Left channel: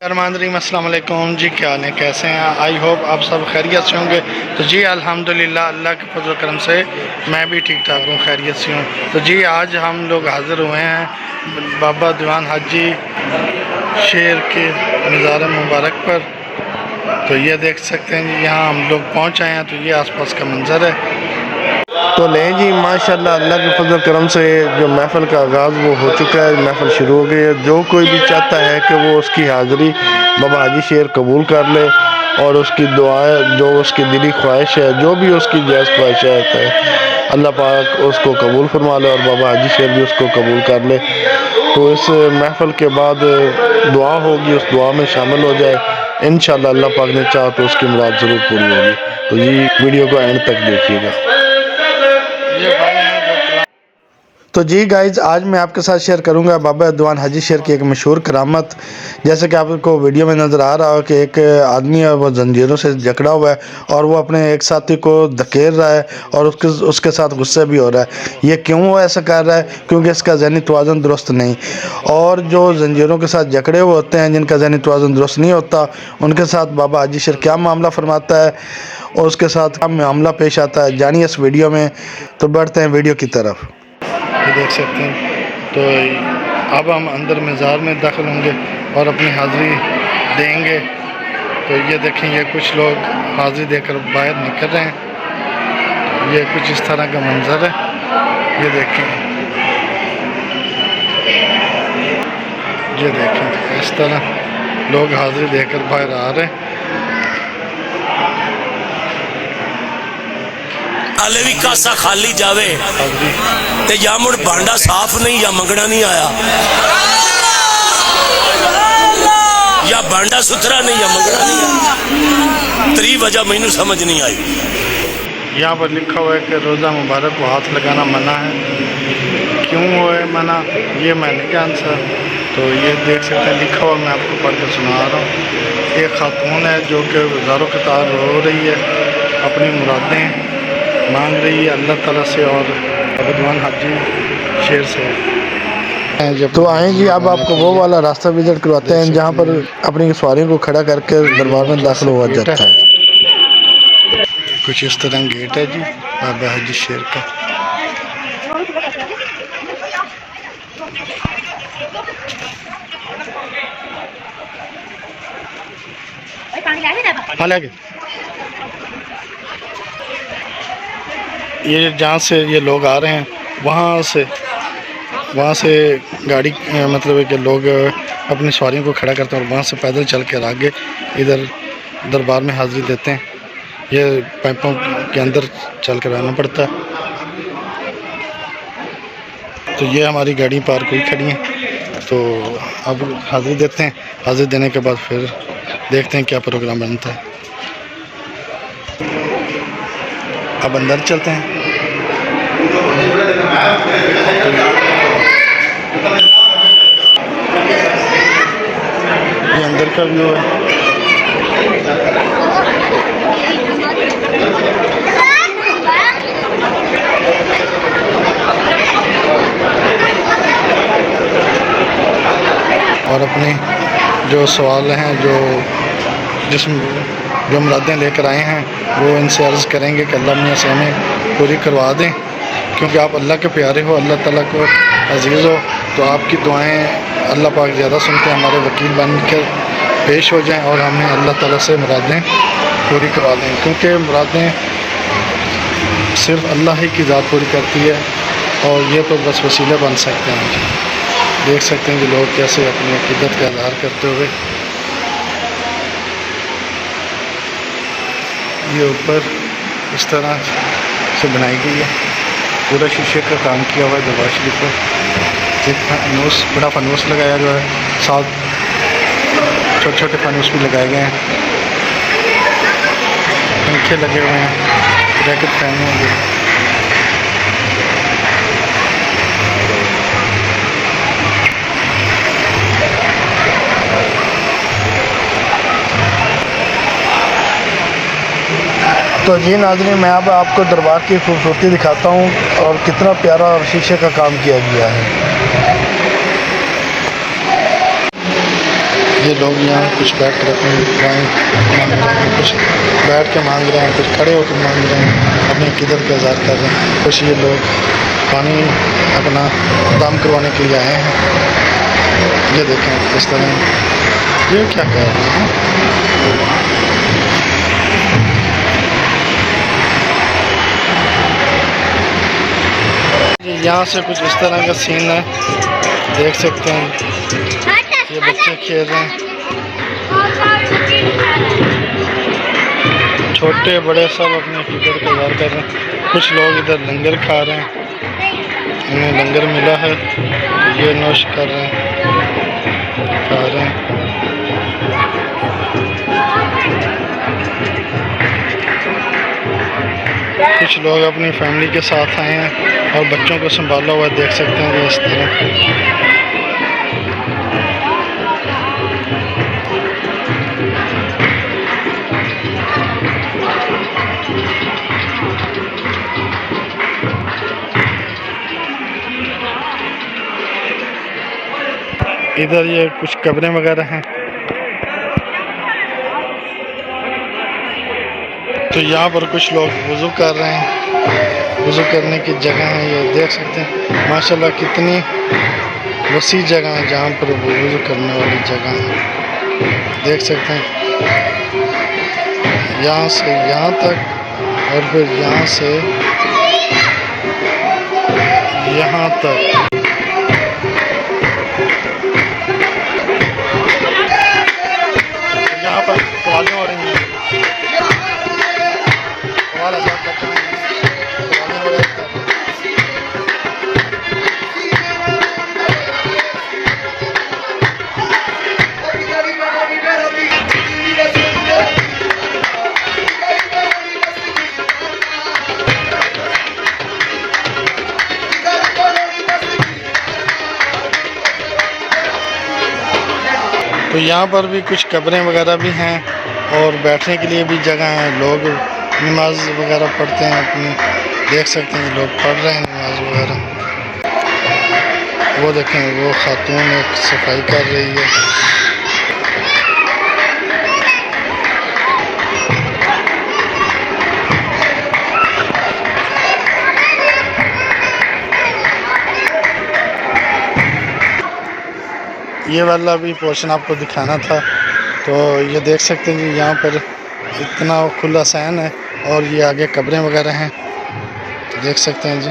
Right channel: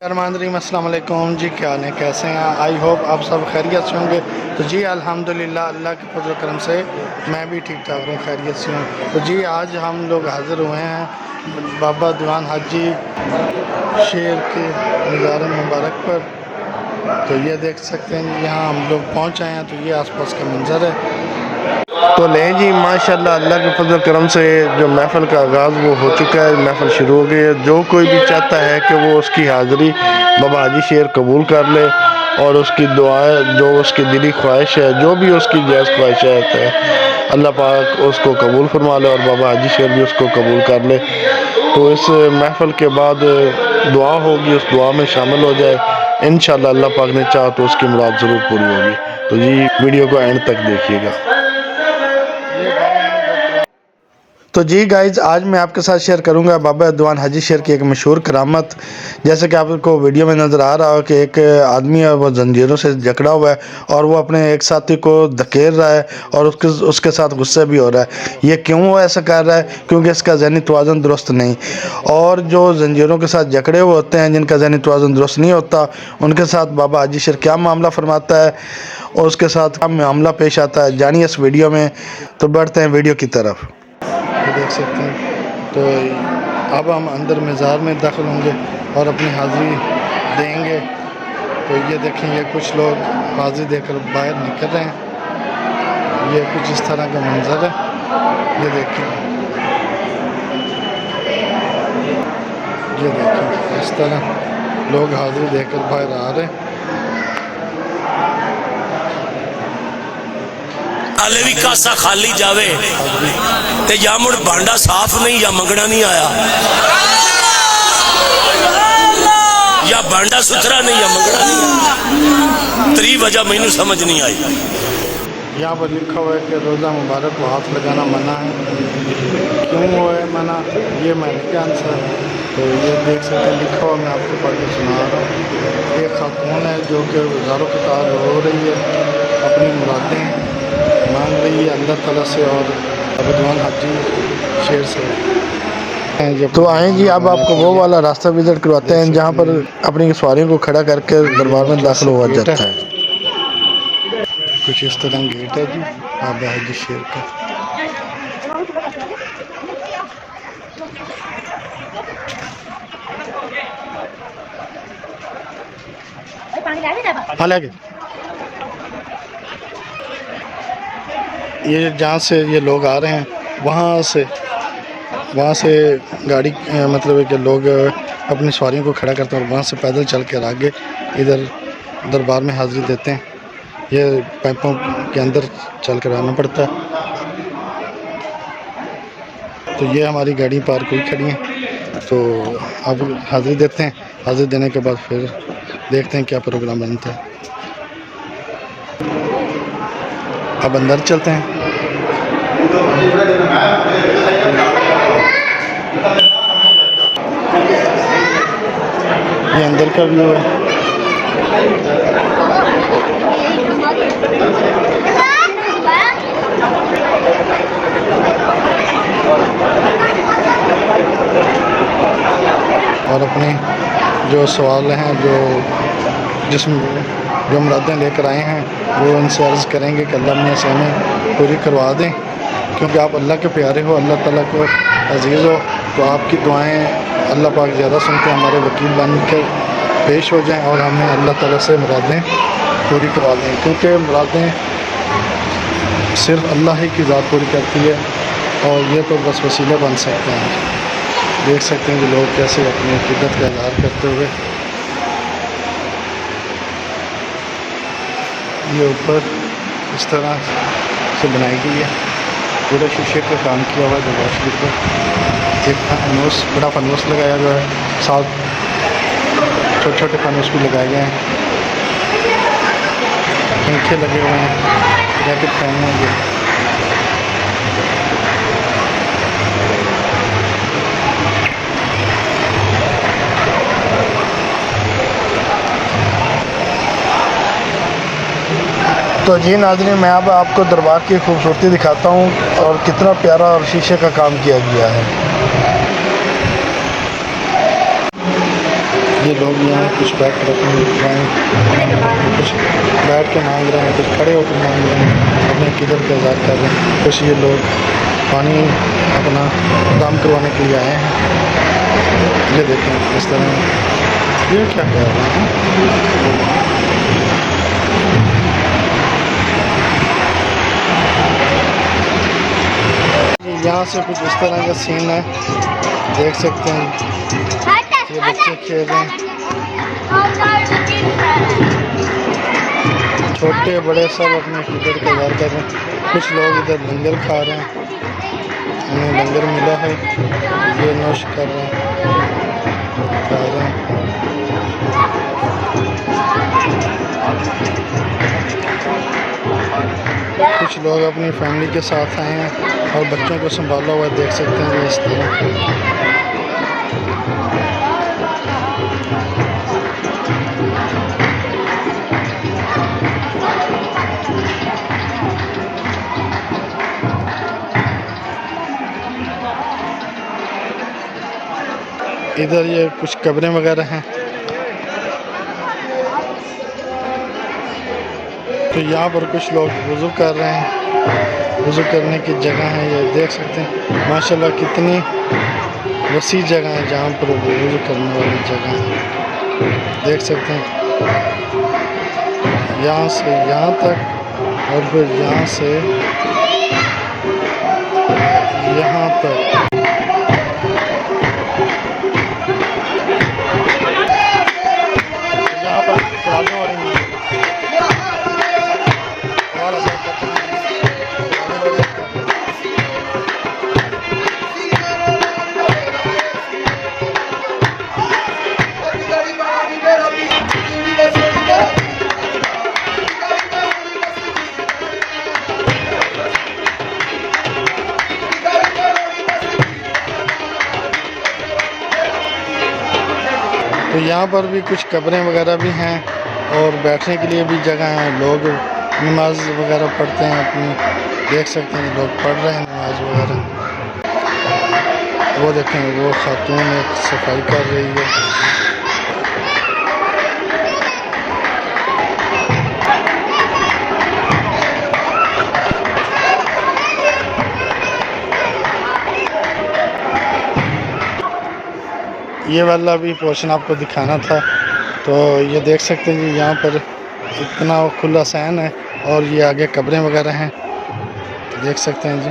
रहीम अस्सलाम वालेकुम जी, क्या हाल है, कैसे हैं? आई होप आप सब खैरियत से होंगे। तो जी अल्हम्दुलिल्लाह अल्लाह के फजल करम से मैं भी ठीक ठाक हूँ, खैरियत से हूँ। तो जी आज हम लोग हाज़िर हुए हैं बाबा दीवान हाजी शेर के मज़ार मुबारक पर। तो ये देख सकते हैं जी, यहाँ हम लोग पहुँच आए हैं। तो ये आसपास का मंज़र है। तो लें जी, माशाल्लाह अल्लाह के फजल करम से जो महफ़िल का आगाज़ वो हो चुका है, महफ़िल शुरू हो गई है। जो कोई भी चाहता है कि वो उसकी हाज़िरी बाबा हाजी शेर कबूल कर ले और उसकी दुआएं, जो उसकी दिली ख्वाहिश है, जो भी उसकी जायज़ ख्वाहिशात है, अल्लाह पाक उसको कबूल फरमा ले और बाबा हाजी शेर भी उसको कबूल कर ले। तो इस महफ़िल के बाद दुआ होगी, उस दुआ में शामिल हो जाए। इंशाअल्लाह अल्लाह पाक ने चाहा तो उसकी मुराद ज़रूर पूरी होगी। तो जी वीडियो को एंड तक देखिएगा। तो जी गाइज, आज मैं आपके साथ शेयर करूंगा बाबा दीवान हाजी शेर की एक मशहूर करामत। जैसे कि आपको वीडियो में नज़र आ रहा हो कि एक आदमी है, वो जंजीरों से जकड़ा हुआ है और वो अपने एक साथी को धकेल रहा है और उसके साथ गुस्से भी हो रहा है। ये क्यों वो ऐसा कर रहा है? क्योंकि इसका ज़हनी तवाज़ुन दुरुस्त नहीं। और जो जंजीरों के साथ जकड़े हुए होते हैं, जिनका ज़हनी तवाज़ुन दुरुस्त नहीं होता, उनके साथ बाबा हाजी शेर क्या मामला फरमाता है और उसके साथ क्या मामला पेश आता है, जानिए इस वीडियो में। तो बढ़ते हैं वीडियो की तरफ। ये देख सकते हैं। तो अब हम अंदर मज़ार में दाखिल होंगे और अपनी हाज़िरी देंगे। तो ये देखें, ये कुछ लोग हाज़िरी देकर बाहर निकल रहे हैं। ये कुछ इस तरह का मंजर है। ये देखें, ये देखें, इस तरह लोग हाज़िरी देकर बाहर आ रहे हैं। हाले भी कासा खाली जावे ते या मुड़ भांडा साफ नहीं या मंगना नहीं आया, या भांडा सुथरा नहीं या मंगना नहीं आया। त्री वजह मैनू समझ नहीं आई। यहाँ पर लिखा हुआ है कि रोज़ा मुबारक को हाथ लगाना मना है। क्यों वो है मना, ये मैं नहीं जानता। तो ये देख सकते हैं, लिखा हुआ, मैं आपको पढ़ के सुना रहा हूँ। एक खातून है जो कि हज़ारों कतार रो रही है, अपनी मुरादें मांग रही है अल्लाह ताला से और बाबा दीवान हाजी शेर से। तो आए जी, अब आपको वो वाला रास्ता विजिट करवाते हैं जहाँ पर अपनी सवारियों को खड़ा करके दरबार में दाखिल हुआ जाता है। कुछ इस तरह गेट है जी बाबा हाजी शेर का। ये जहाँ से ये लोग आ रहे हैं, वहाँ से गाड़ी मतलब है कि लोग अपनी सवारियों को खड़ा करते हैं और वहाँ से पैदल चल कर आगे इधर दरबार में हाज़िरी देते हैं। ये पाइपों के अंदर चल कर आना पड़ता है। तो ये हमारी गाड़ी पार्क हुई खड़ी हैं। तो अब हाज़िरी देते हैं। हाज़िरी देने के बाद फिर देखते हैं क्या प्रोग्राम बनता है। अब अंदर चलते हैं। ये अंदर का व्यू है। और अपने जो सवाल हैं, जो मुरादें लेकर आए हैं, वो इनसे अर्ज़ करेंगे कि अल्लाह मियां से हमें पूरी करवा दें। क्योंकि आप अल्लाह के प्यारे हो, अल्लाह ताला को अजीज़ हो, तो आपकी दुआएं अल्लाह पाक ज़्यादा सुनते हैं। हमारे वकील बनकर पेश हो जाएं और हमें अल्लाह ताला से मुरादें पूरी करवा दें। क्योंकि मुरादें सिर्फ़ अल्लाह ही की ज़ात पूरी करती है और ये तो बस वसीले बन सकते हैं। देख सकते हैं कि लोग कैसे अपनी अक़ीदत का इज़हार करते हुए ये ऊपर इस तरह से बनाई गई है। पूरा शीशे का काम किया हुआ है दरबार शरीफ पर। एक फानूस, बड़ा फानूस लगाया गया है, साथ छोटे छोटे फानूस भी लगाए गए हैं। पंखे लगे हुए हैं, जैकेट पहने हुए। तो जी नाज़रीन, मैं अब आपको दरबार की खूबसूरती दिखाता हूँ और कितना प्यारा और शीशे का काम किया गया है। ये लोग यहाँ कुछ बैठ कर अपनी दुआएं मांग रहे हैं, कुछ बैठ के मांग रहे हैं, कुछ खड़े होकर मांग रहे हैं, अपने किधर के आज़ाद कर रहे हैं। कुछ ये लोग पानी अपना दम करवाने के लिए आए हैं। ये देखें इस तरह ये क्या कह रहे हैं। यहाँ से कुछ इस तरह का सीन है, देख सकते हैं ये बच्चे खेल रहे हैं, छोटे बड़े सब अपने फिक्र का इज़हार कर रहे हैं। कुछ लोग इधर लंगर खा रहे हैं, उन्हें लंगर मिला है तो ये नोश कर रहे हैं, खा रहे हैं। कुछ लोग अपनी फैमिली के साथ आए हैं और बच्चों को संभाला हुआ देख सकते हैं इस तरह। इधर ये कुछ कब्रें वगैरह हैं, तो यहाँ पर कुछ लोग वज़ू कर रहे हैं। वज़ू करने की जगह है, ये देख सकते हैं माशाल्लाह कितनी वसी जगह है जहाँ पर वज़ू करने वाली जगह है। देख सकते हैं यहाँ से यहाँ तक और फिर यहाँ से यहाँ तक। यहाँ पर कवालियाँ हो रही हैं, तो यहाँ पर भी कुछ कब्रें वगैरह भी हैं और बैठने के लिए भी जगह है। लोग नमाज वगैरह पढ़ते हैं अपनी, देख सकते हैं लोग पढ़ रहे हैं नमाज वगैरह। वो देखें वो खातून एक सफाई कर रही है। ये वाला भी पोर्शन आपको दिखाना था, तो ये देख सकते हैं जी यहाँ पर इतना खुला सहन है और ये आगे कब्रें वगैरह हैं, देख सकते हैं जी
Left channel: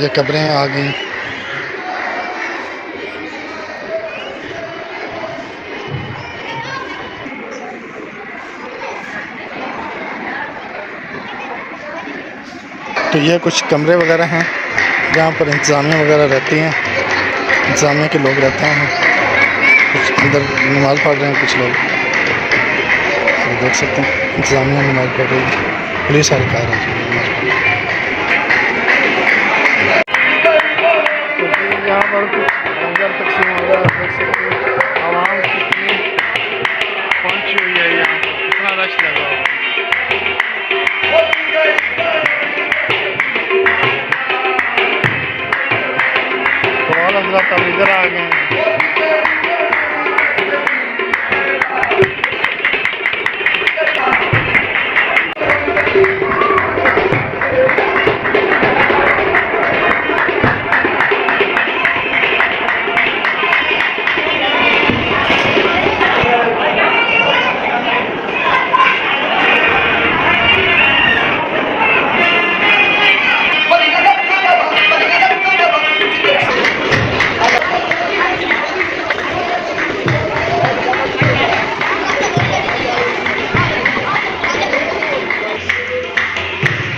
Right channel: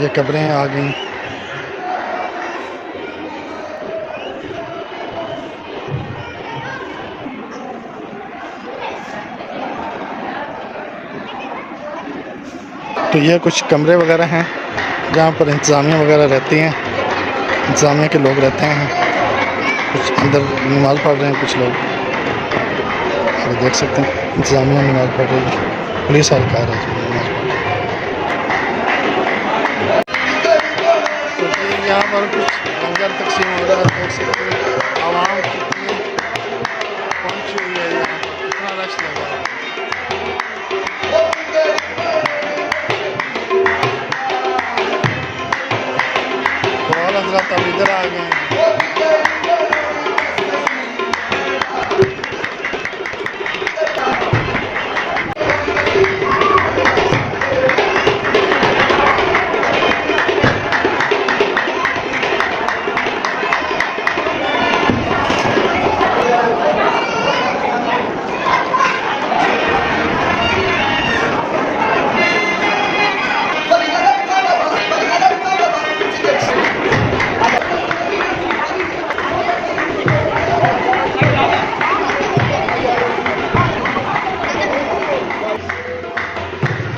ये कब्रें आ गई। तो ये कुछ कमरे वगैरह हैं जहाँ पर इंतज़ामिया वगैरह रहती हैं, इंतज़ामिया के लोग रहते हैं। कुछ अंदर नमाज़ पढ़ रहे हैं कुछ लोग, तो देख सकते हैं इंतज़ामिया नमाज़ पढ़ रही है, पुलिस एहलकार है नमाज़ पढ़ रही है। तो यहाँ पर कुछ लंगर तकसीम हो रहा है, देख सकते हैं आवाम कितनी पहुँची हुई है, यहाँ पर कितना रश लगा हुआ है। हज़रत अब इधर आ गए हैं।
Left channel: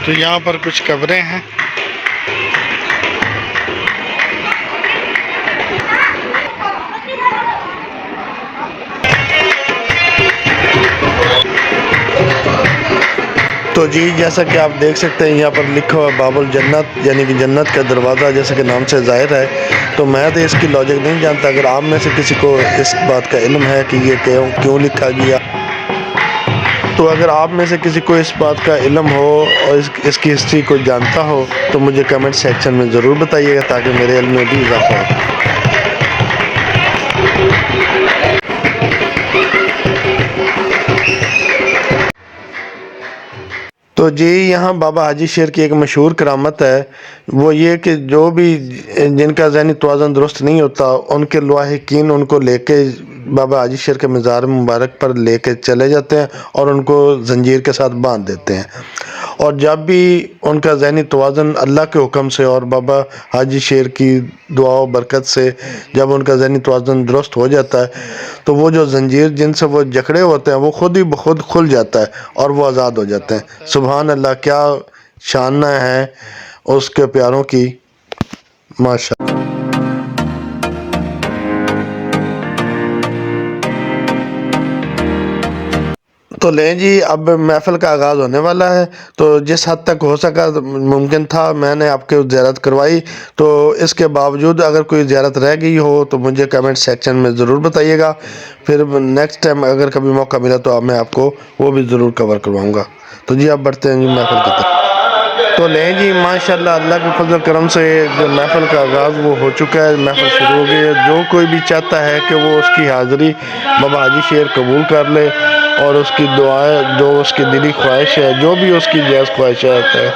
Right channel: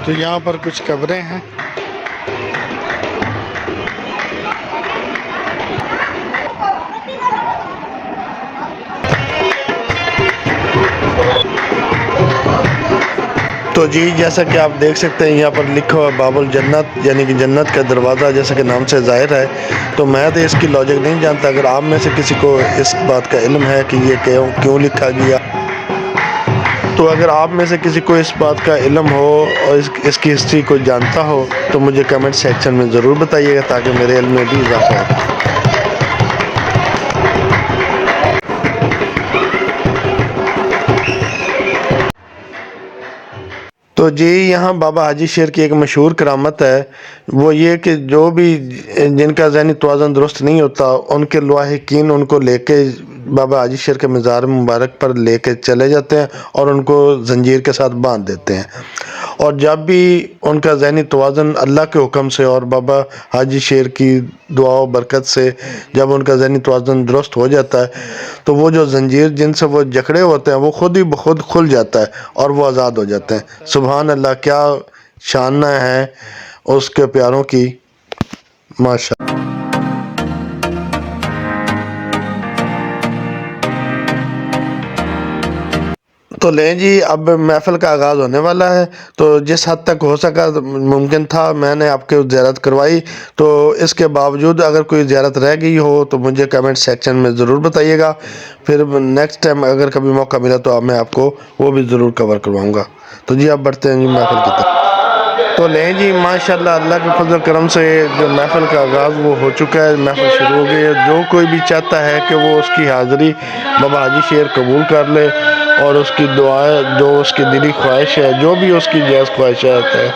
तो यहाँ पर कुछ कब्रें हैं। तो जी जैसा कि आप देख सकते हैं यहाँ पर लिखा हुआ बाबुल जन्नत, यानी कि जन्नत का दरवाज़ा, जैसा कि नाम से ज़ाहिर है। तो मैं तो इसकी लॉजिक नहीं जानता, अगर आप में से किसी को इस बात का इल्म है कि ये क्यों लिखा गया, तो अगर आप में से किसी को इस बात का इल्म हो और इसकी हिस्ट्री को जानता हो तो मुझे कमेंट सेक्शन में ज़रूर बताइएगा, ताकि मेरे इल्म में भी इजाफा हो। तो जी यहाँ बाबा हाजी शेर की एक मशहूर करामत है, वो ये कि जो भी जिनका ज़हनी तवाज़ुन दुरुस्त नहीं होता उनके लवाहिकीन उनको लेके बाबा हाजी शेर के मज़ार मुबारक पर लेके चले जाते हैं और उनको जंजीर के साथ बांध देते हैं। और जब भी उनका ज़हनी तवाज़ुन अल्लाह के हुक्म से और बाबा हाजी शेर की दुआ व बरकत से जब उनका ज़हनी तवाज़ुन दुरुस्त हो जाता है तो वो जो जंजीर जिनसे वो जकड़े होते हैं वो खुद ही खुद खुल जाता है और वो आज़ाद हो जाते हैं। सुभान अल्लाह, क्या शान है उसके प्यारों की, माशा। तो लें जी, अब महफ़िल का आगाज़ होने वाला है। तो जिस हद तक हो सका मुमकिन था मैंने आपके ज़ियारत करवाई। तो इसके बावजूद अगर कोई ज़ियारत रह गई हो तो मुझे कमेंट सेक्शन में ज़रूर बताइएगा। फिर नेक्स्ट टाइम अगर कभी मौका मिला तो मैं आपको वो भी ज़रूर कवर करवाऊँगा। तो जी अब बढ़ते हैं जी महफ़िल की तरफ। तो लें जी, माशाल्लाह अल्लाह के फजल करम से जो महफ़िल का आगाज़ वो हो चुका है, महफ़िल शुरू हो गई है। जो कोई भी चाहता है कि वो उसकी हाज़िरी बाबा हाजी शेर कबूल कर ले और उसकी दुआएं, जो उसकी दिली ख्वाहिश है, जो भी उसकी जायज़ ख्वाहिशात है,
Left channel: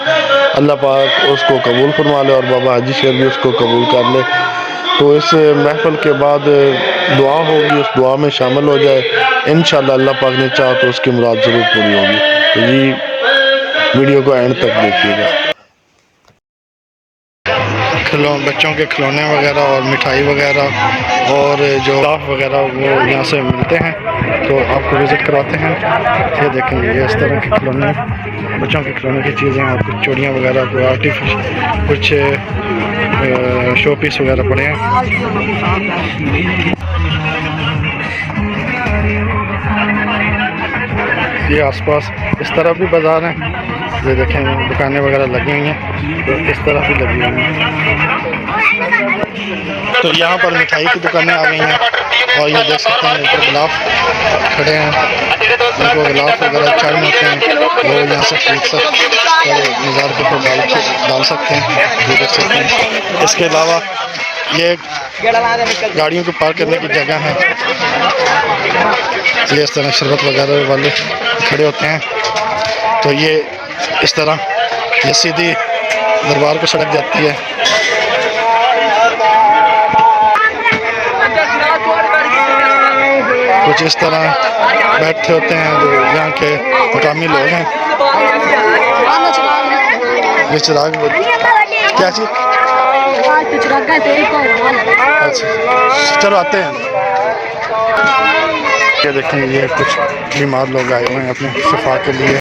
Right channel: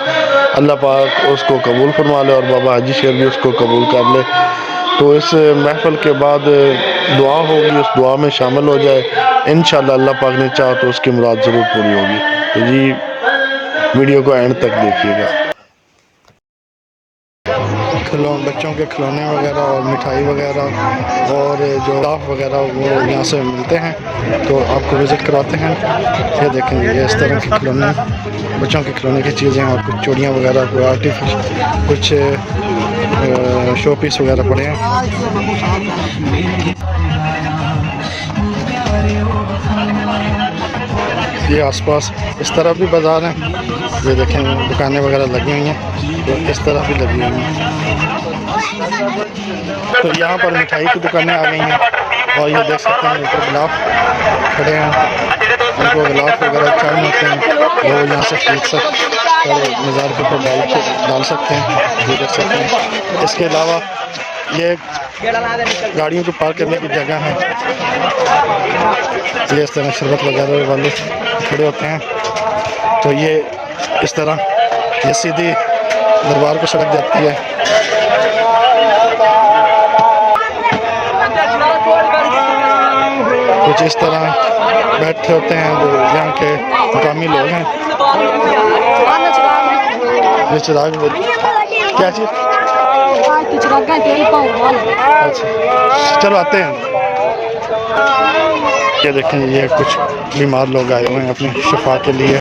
अल्लाह पाक उसको कबूल फरमा ले और बाबा हाजी शेर भी उसको कबूल कर ले। तो इस महफ़िल के बाद दुआ होगी, उस दुआ में शामिल हो जाए। इंशाअल्लाह अल्लाह पाक ने चाहा तो उसकी मुराद ज़रूर पूरी होगी। तो जी वीडियो को एंड तक देखिएगा। बच्चों के खिलौने वगैरह और मिठाई वगैरह और जो लाफ वगैरह वो यहाँ से मिलते हैं, तो आपको विज़िट करवाते हैं। ये देखेंगे, ये इस तरह के खिलौने, बच्चों के खिलौने की चीज़ें और कुछ चूड़ियाँ वगैरह, कोई आर्टिफिशियल कुछ शो पीस वगैरह पड़े हैं। ये आसपास इस तरफ भी बाज़ार हैं, ये देखें दुकानें वगैरह लगी हुई हैं, तो इस तरफ भी लगी हुई हैं। तो यहाँ पर मिठाई की दुकानें आ गई हैं और ये देख सकते हैं ऊपर गिलाफ खड़े हैं, उनको गिलाफ वगैरह चाय होते हैं, वो यहाँ से खरीद सकते और मज़ार के ऊपर डाल सकते हैं। ये देख सकते हैं। इसके अलावा ये गाड़ियों को पार्क करने की जगह है, ये इस तरह शरबत वगैरह वाले खड़े होते हैं। तो ये इस तरह ये सीधी दरबार को सड़क जाती है। कुछ इस तरह बैठे होते हैं जो यहाँ के मकामी लोग हैं। ये चिराग क्या चीज़? अच्छा चलो आते हैं। ये देखें, ये कुछ बीमार लोग आए हुए हैं अपने शफा के लिए।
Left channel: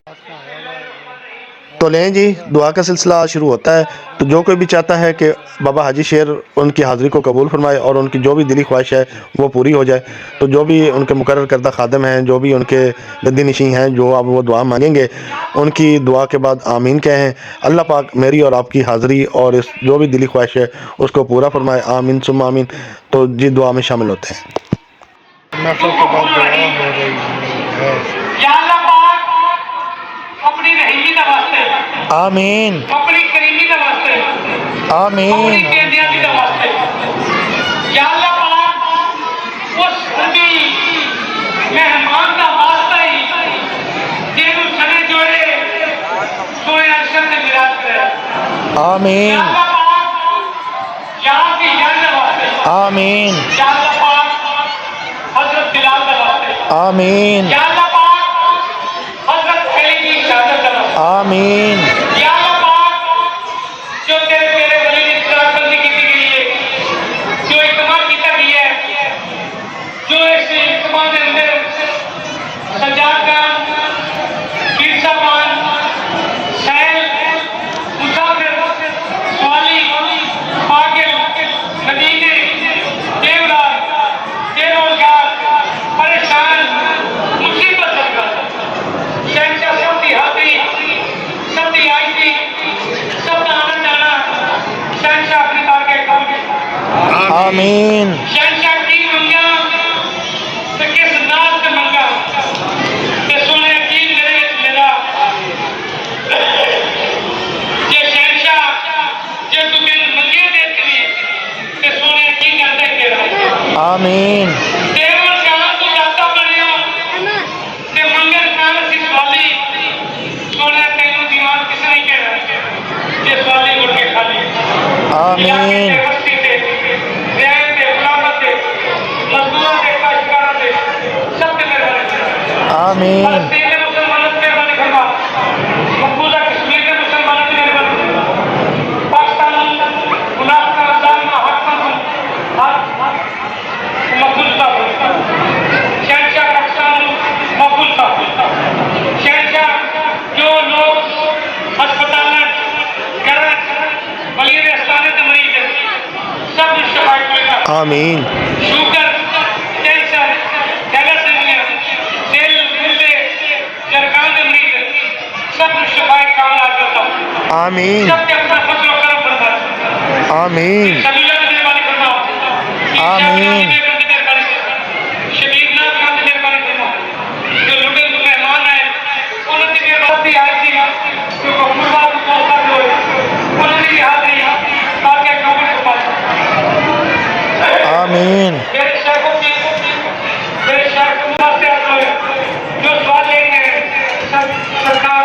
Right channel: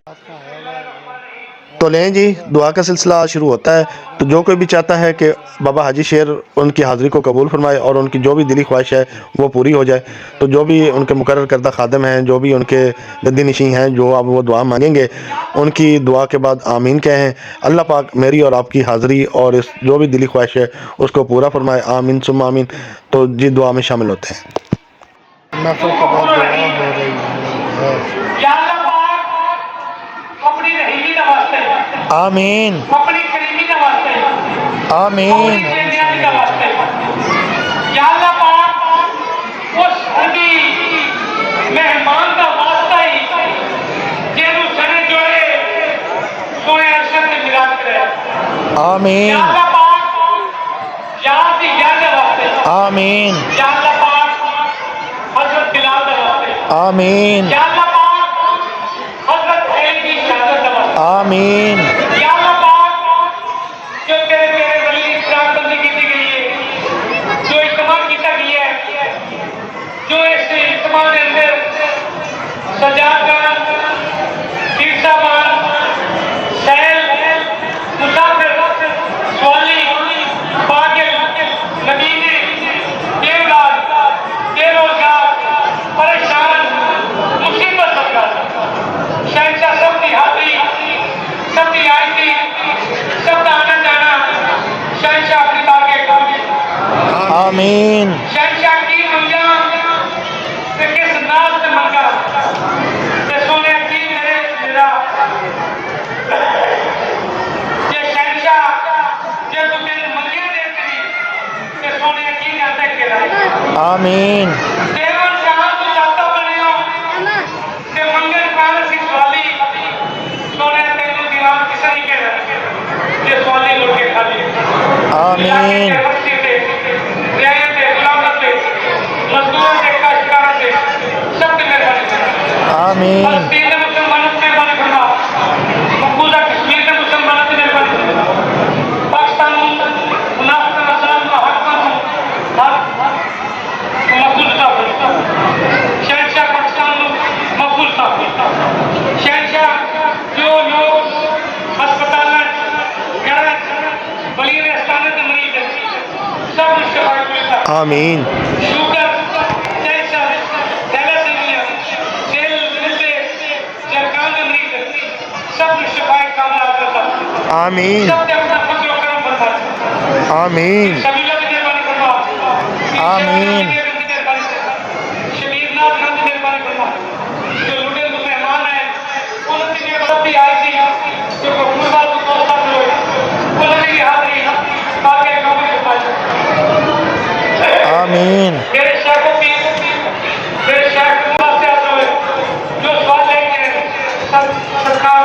तो लें जी, दुआ का सिलसिला शुरू होता है। तो जो कोई भी चाहता है कि बाबा हाजी शेर उनकी हाज़िरी को कबूल फरमाए और उनकी जो भी दिली ख्वाहिश है वो पूरी हो जाए, तो जो भी उनके मुकर्रर करदा खादम हैं, जो भी उनके गद्दी नशीं हैं, जो अब वो दुआ मांगेंगे उनकी दुआ के बाद आमीन कहें। अल्लाह पाक मेरी और आपकी हाज़िरी और इस जो भी दिली ख्वाहिश है उसको पूरा फरमाए, आमीन सुम आमीन। तो जी दुआ में शामिल होते हैं। महफिल के बाद दुआ हो रही है। आमीन आमीन आमीन आमीन आमीन आमीन जो तेरे वली की शराबबंदी की गई है, जो इज्तिमा किया गया है, जो इस इज्तिमा के अंदर सजाद खान, तीरसा मान, सैल, मुसाफिर, स्वाली, पागिल, नदीने, बेरोजगार, परेशान, मुसीबत का शहंशाह सबकी हाथी, सबकी आईती, सबका आना जाना शहंशाह अपनी बारगाह कबूल। आमीन शहंशाह की मंगा ते किस नाज ते मंगा ते सोने की मेरे मेरा ये शहंशाह जो तू मेरे मंगे देती ते सोने की करते तेरा आमीन केवल काम तो जाता बने हो ते मंगल काल सी स्वाली सोने तेनू दी आमीन फलस्तीन के मुसलमानों की मेहरबानी फरमा, मकबूजा कश्मीर के मुसलमानों की मेहरबानी फरमा, पाकिस्तान मुनाफिक जालिम हक मकबूल था, शहंशाह पाकिस्तान मकबूल था, शहंशाह जो लोग अस्पताल घर बलिए अस्ताने के मरीज हैं, सब शफा मिलता, आमीन शुगर कैंसर थैलेसीमिया दिल गुर्दे जरगान के मरीज सब शफा कामयाब करता, आमीन सब पे अपना फजल और करम बरसाता, आमीन सबीला की मेहरबानी फरमा, आमीन। शबीर ना खान की मेहरबानी फरमा, जो लुटे मेहमान हैं उन्होंने भी सब भी हाजिर जो गुरुवार को पहुंचा दियो उन्होंने भी हाजिरी बाकी कबूल फरमा, आमीन मेरे शेखों की मेरे शेख वास्ते हुए जो सवाल लेंगे सरकार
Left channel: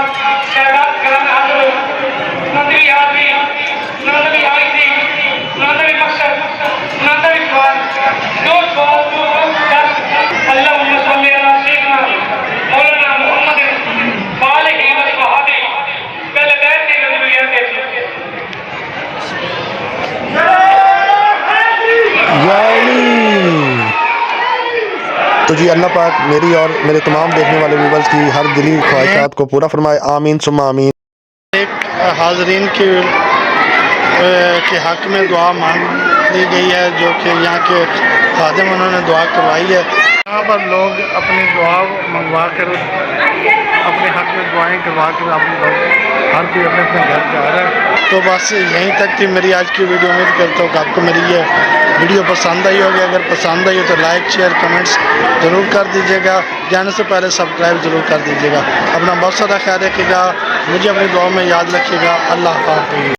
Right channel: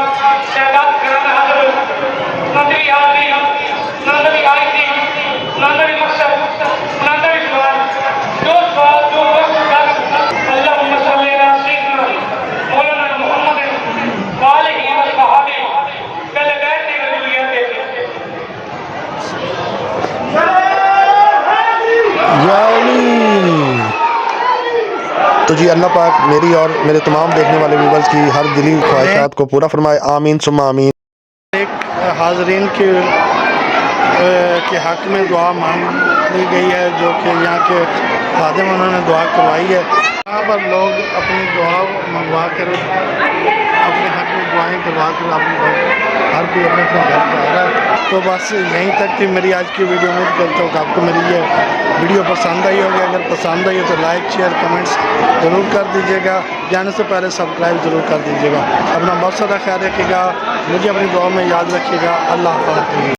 शहबाज खिलाना हाजिर मंत्री हाजिरी नंदरी हाजिरी नंदरी मकसद नंदरी सवाल जो सवाल जो अल्लाह मुसल्ली अला शेखना मौलाना मोहम्मद बालिग़ व सहाबी पहले बैठ के रजूलियत देखिए तो जी अल्लाह पाक मेरी और मेरे तमाम देखने वाले व्यूवर्स की हर दिली ख्वाहिशात को पूरा फरमाए। आमीन सुम्मा आमीन। एक हाजरीन के हक में दुआ मांग ली गई है, जो कि यहाँ के खादिम उन्होंने दुआ करवाई है। यहाँ पर लोग अपनी दुआ मंगवा कर अपने हक में दुआएं करवा कर आप लोग हर कोई अपने अपने घर जा रहा है। तो बस यहीं तक थी मेरी आज की वीडियो। उम्मीद करता हूँ कि आपको मेरी ये वीडियो पसंद आई होगी। अगर पसंद आई हो तो लाइक शेयर कमेंट्स ज़रूर कर दीजिएगा। जाने से पहले सब्सक्राइब ज़रूर कर दीजिएगा। अपना बहुत सारा ख्याल रखिएगा, मुझे अपनी दुआ में याद रखिएगा। अल्लाह हाफ़िज़।